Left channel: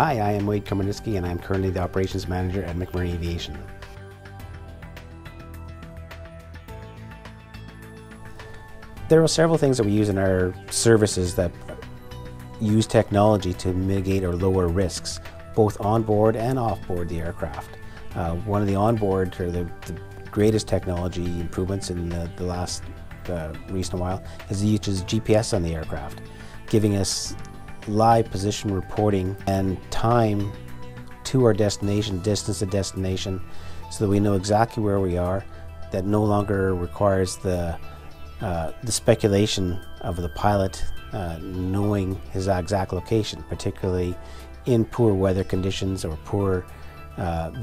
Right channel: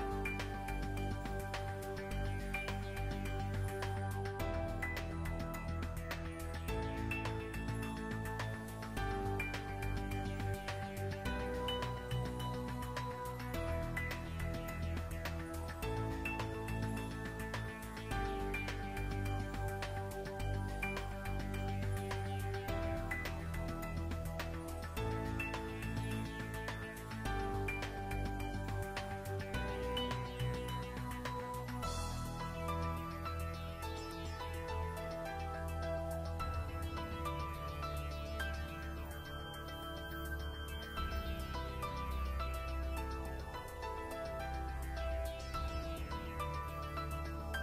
Hi, I am Wade Komarniski and I'm currently the Operations Manager at McMurray Aviation. There are several things that we use in our services that use technology to mitigate or lower risks, both on board and off board the aircraft. One of the onboard, or the greatest technology improvements in the last recent while, is the use of GPS on the aircraft, giving us live position reporting and time to our destination, distance to destination, so that we know exactly where we are. That no longer requires the speculation of the pilot knowing his exact location, particularly in poor weather conditions or poor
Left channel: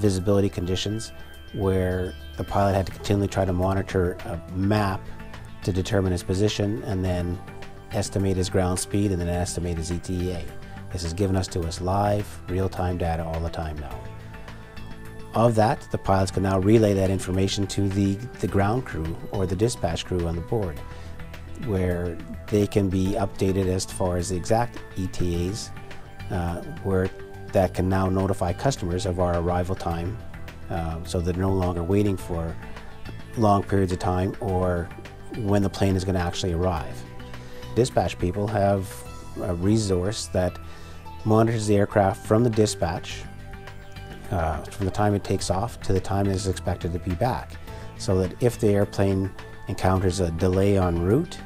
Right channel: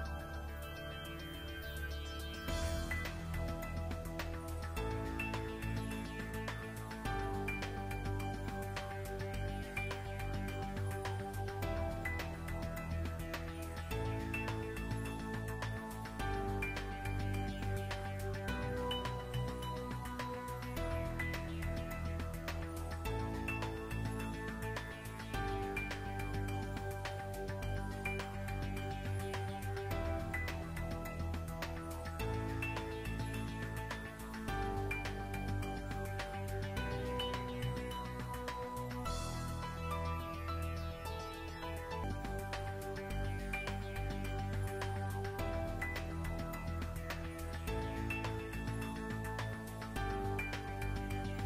visibility conditions, where the pilot had to continually try to monitor a map to determine his position and then estimate his ground speed and then estimate his ETA. This is given to us live, real-time data all the time now. Of that, the pilots can now relay that information to the ground crew or the dispatch crew on the board, where they can be updated as far as the exact ETAs, where that can now notify customers of our arrival time, so they're no longer waiting for long periods of time or when the plane is going to actually arrive. Dispatch people have a resource that monitors the aircraft from the dispatch, from the time it takes off to the time it is expected to be back, so that if the airplane encounters a delay en route,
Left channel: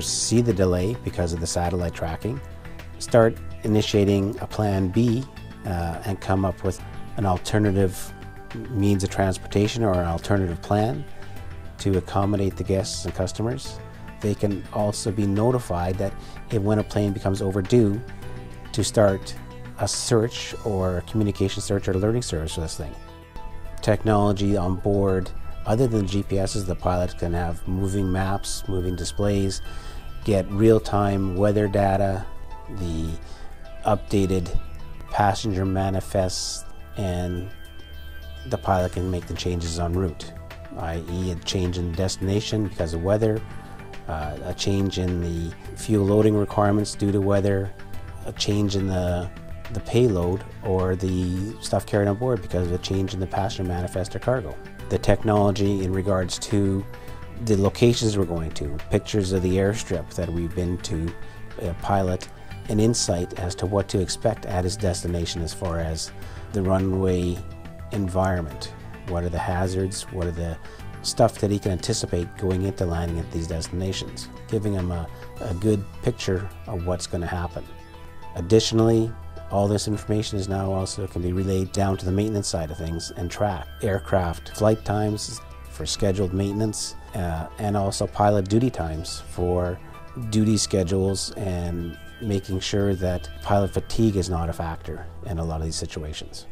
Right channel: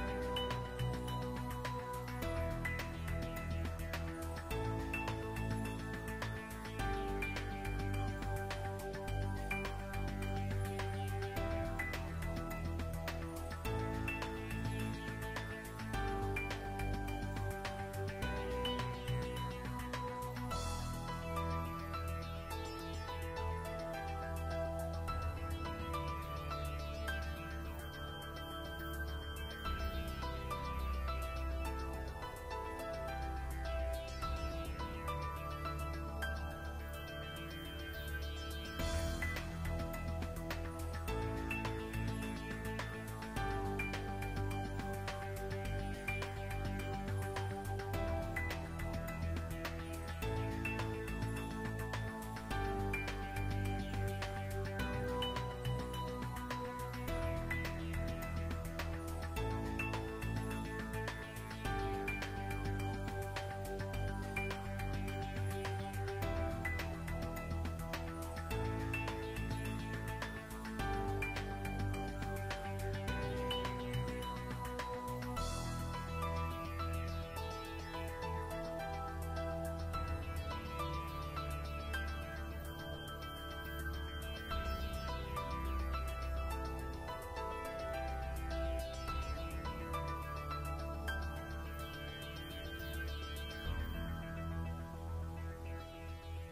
see the delay because of the satellite tracking, start initiating a plan B, and come up with an alternative means of transportation or an alternative plan to accommodate the guests and customers. They can also be notified that when a plane becomes overdue, to start a search or a communication search or alerting service for this thing. Technology on board, other than GPSs, the pilots can have moving maps, moving displays, get real-time weather data, the updated passenger manifests, and the pilot can make the changes en route, i.e. a change in destination because of weather, a change in the fuel loading requirements due to weather, a change in the payload or the stuff carried on board because of a change in the passenger manifest or cargo. The technology in regards to the locations we're going to, pictures of the airstrip that we've been to, pilot an insight as to what to expect at his destination as far as the runway environment. What are the hazards? What are the stuff that he can anticipate going into landing at these destinations, giving him a good picture of what's going to happen. Additionally, all this information is now also can be relayed down to the maintenance side of things and track aircraft flight times for scheduled maintenance, and also pilot duty times for duty schedules, and making sure that pilot fatigue is not a factor in a lot of these situations.